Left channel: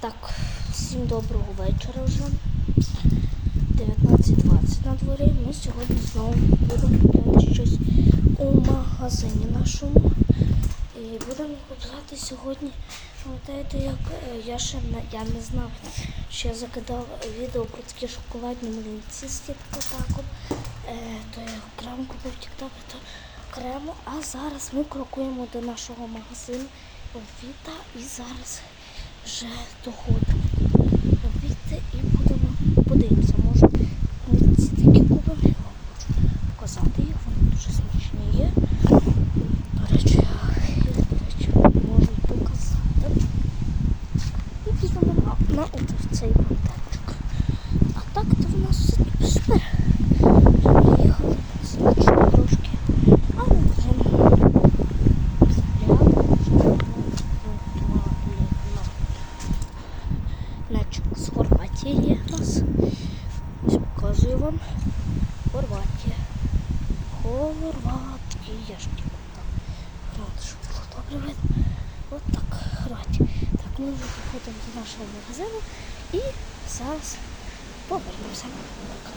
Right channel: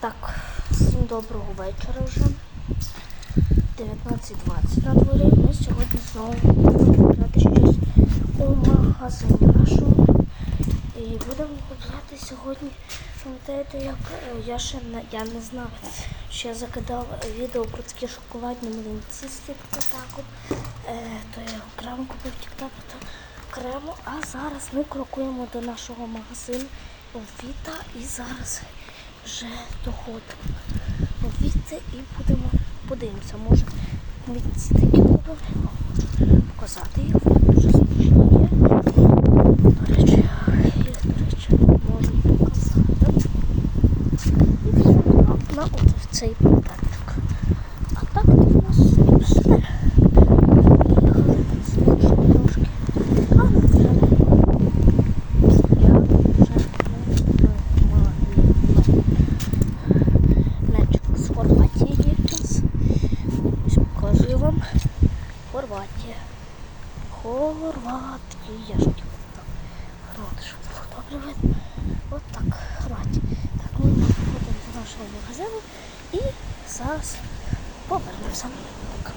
Так, всім доброго вечора вже. 19.20 на дворі. Ми сьогодні знову будемо купляти щось у магазині нашому. І будемо купляти сьогодні. Пам'ятаєте, як е, я ще не, я не знав, що я закидав відео про такі шоколадні млинці з тік-таком. Е, то я окремо купив тік-так, то окремо. А зараз ми крокуємо до нашого магазину Віта і зараз вже доходимо Віти і будемо подивимося. Може млинці такі купив. Показати їх. Вони дуже смачні є. До речі, можу показати. І підемо на, на от цей майданчик. А так то в нас тут все. Приїхали, смачно трошки. А ми вже не я вже Значить, з Хорватії є в нас. Ось показую вам. Хорватія. Хорватія. так. Добре видно. От так, Хорватія. Так, ми вже входимо до нашого магазину і зараз повернемося. Так.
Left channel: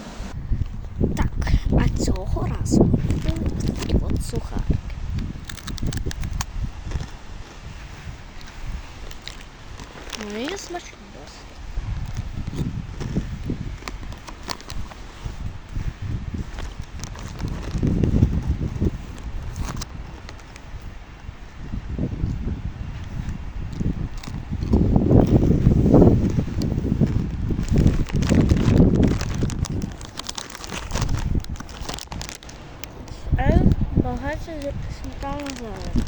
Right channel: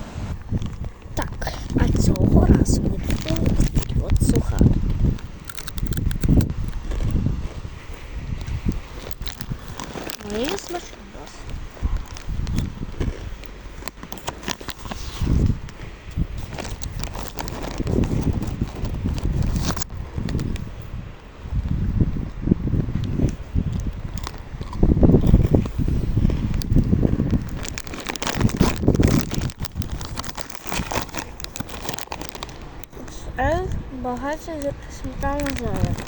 Так, а цього разу ми купили такі от сухарики. Вони смачні Е, багато сметана зелень.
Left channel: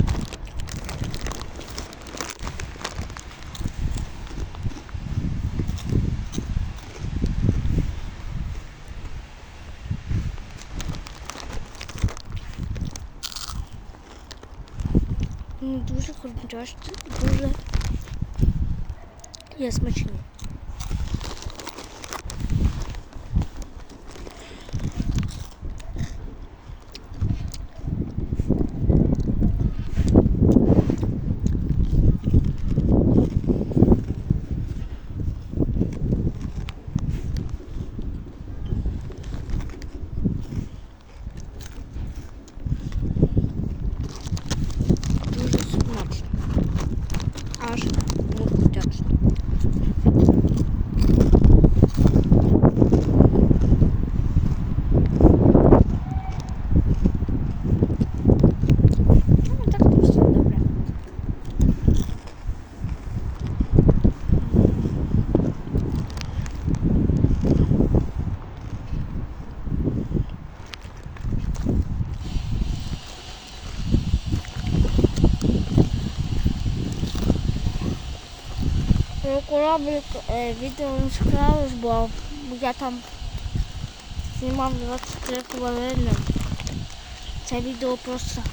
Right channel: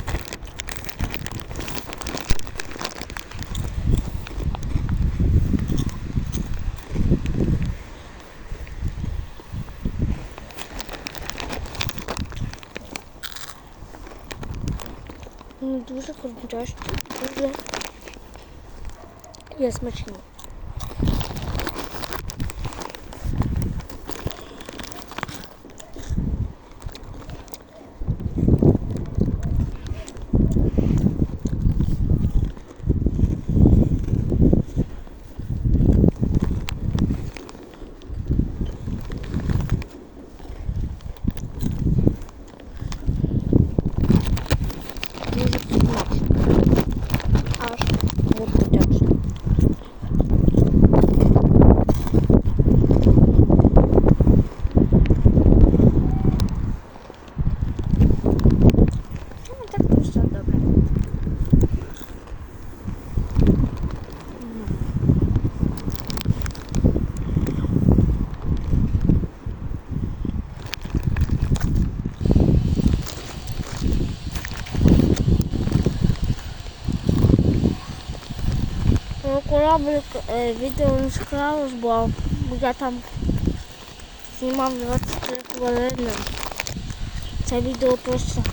Ну, Дуже хрумтяшні, дуже є смачні. Дуже смачно. Аж не вдячно. Ну, так то все добре. Ну, кораблик е, відео не склалось, бо я там знімав 23 хвилини. Це відео просто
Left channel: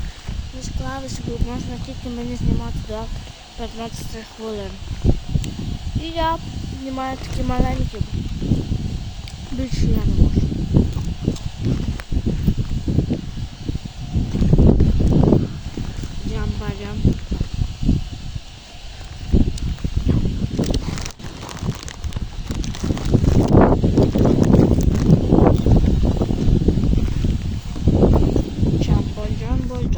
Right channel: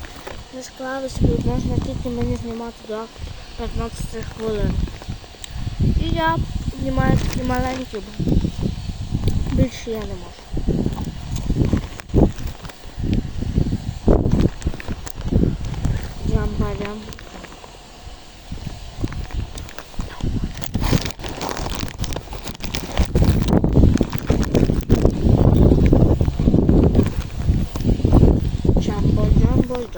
не склалося, бо можна тільки мені знімати до 15 хвилин. І я знімаю такі маленькі, бо більше я не можу. Với.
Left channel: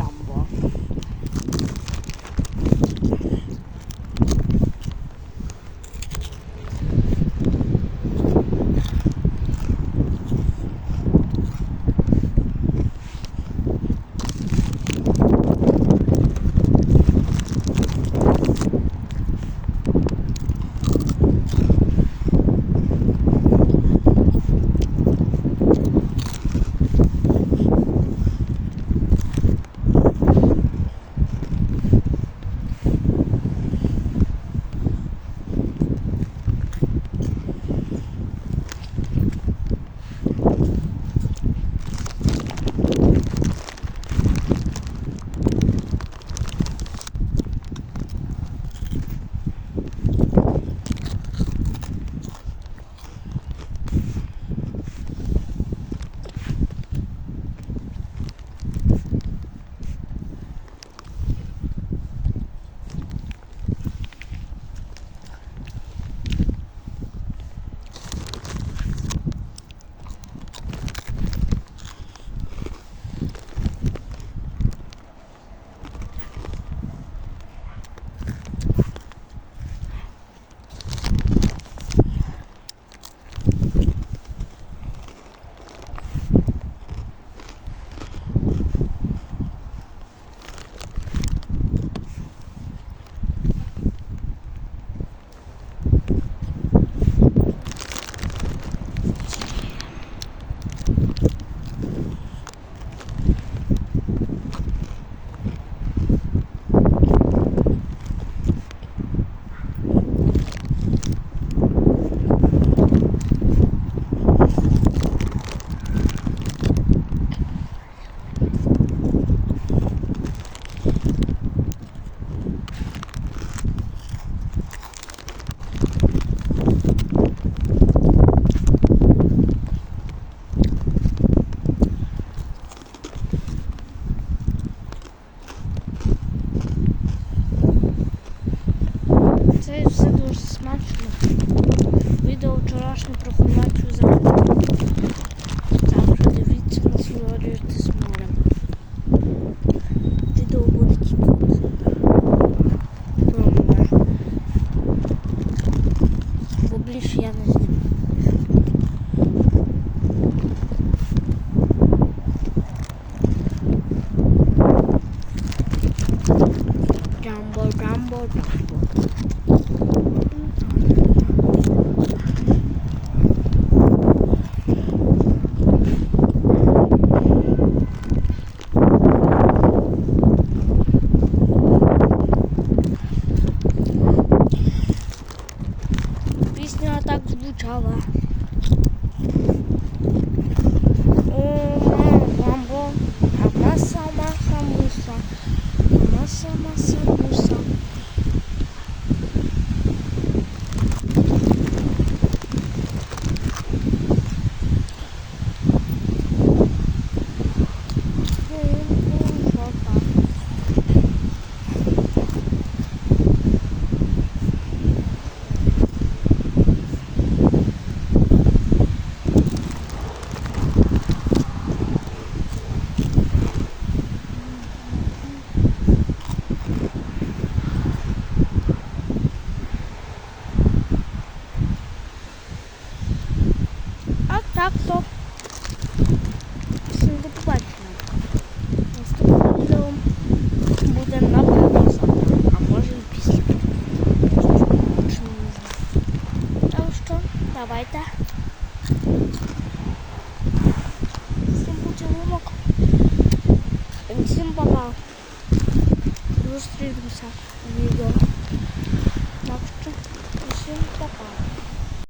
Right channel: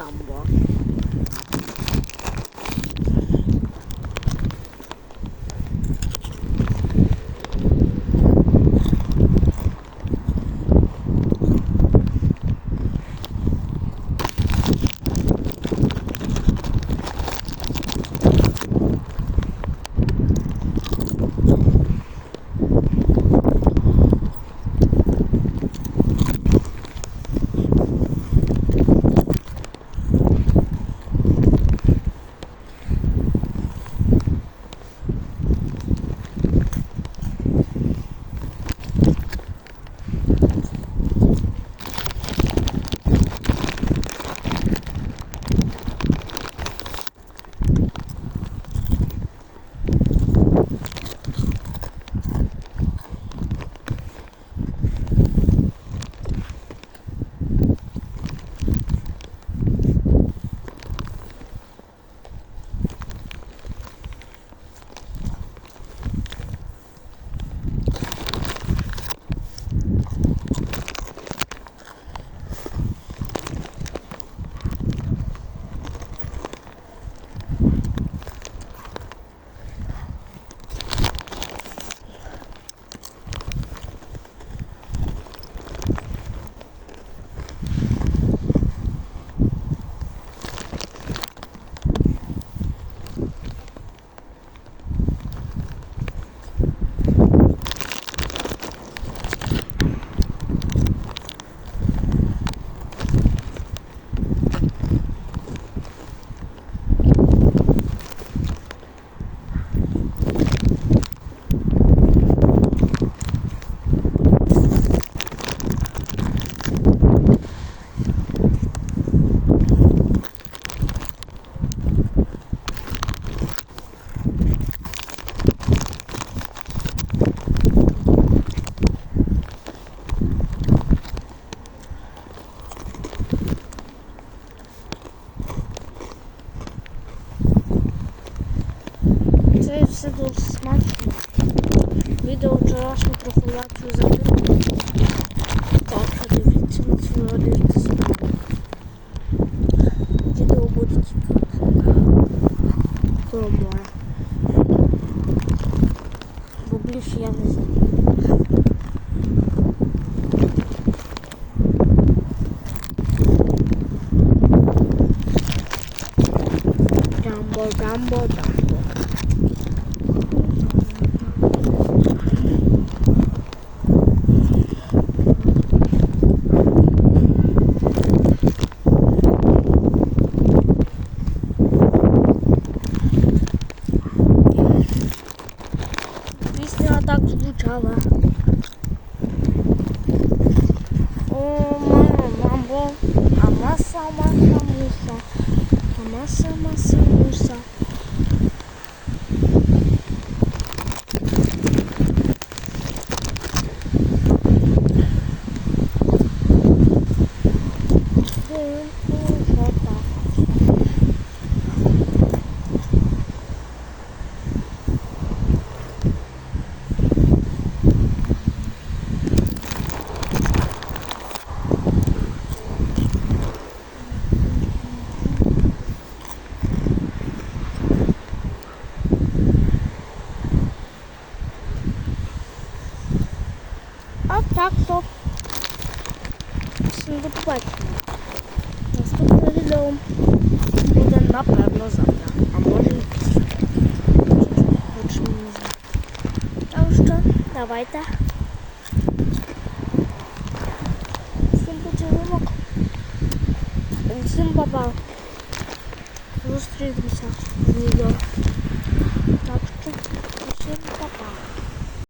Jumbo. Це, дуже смачно. Відео вчорашнє про Хорватію закрито. Так, дивіться, насолоджуйтесь з мене. Відео буде тільки про. Бо більше я не знаю. Джамбо, джамбо, джамбо. Так звучала. О, мама, мамбо, мама маса, маса, муса. А маса, так то. Всім до побачення. Наступне відео буде напевно завтра, а може і після. Так що, давайте. Всім поцілунок. Всім папа. Зустрінемося в відео. Так що, всім папа.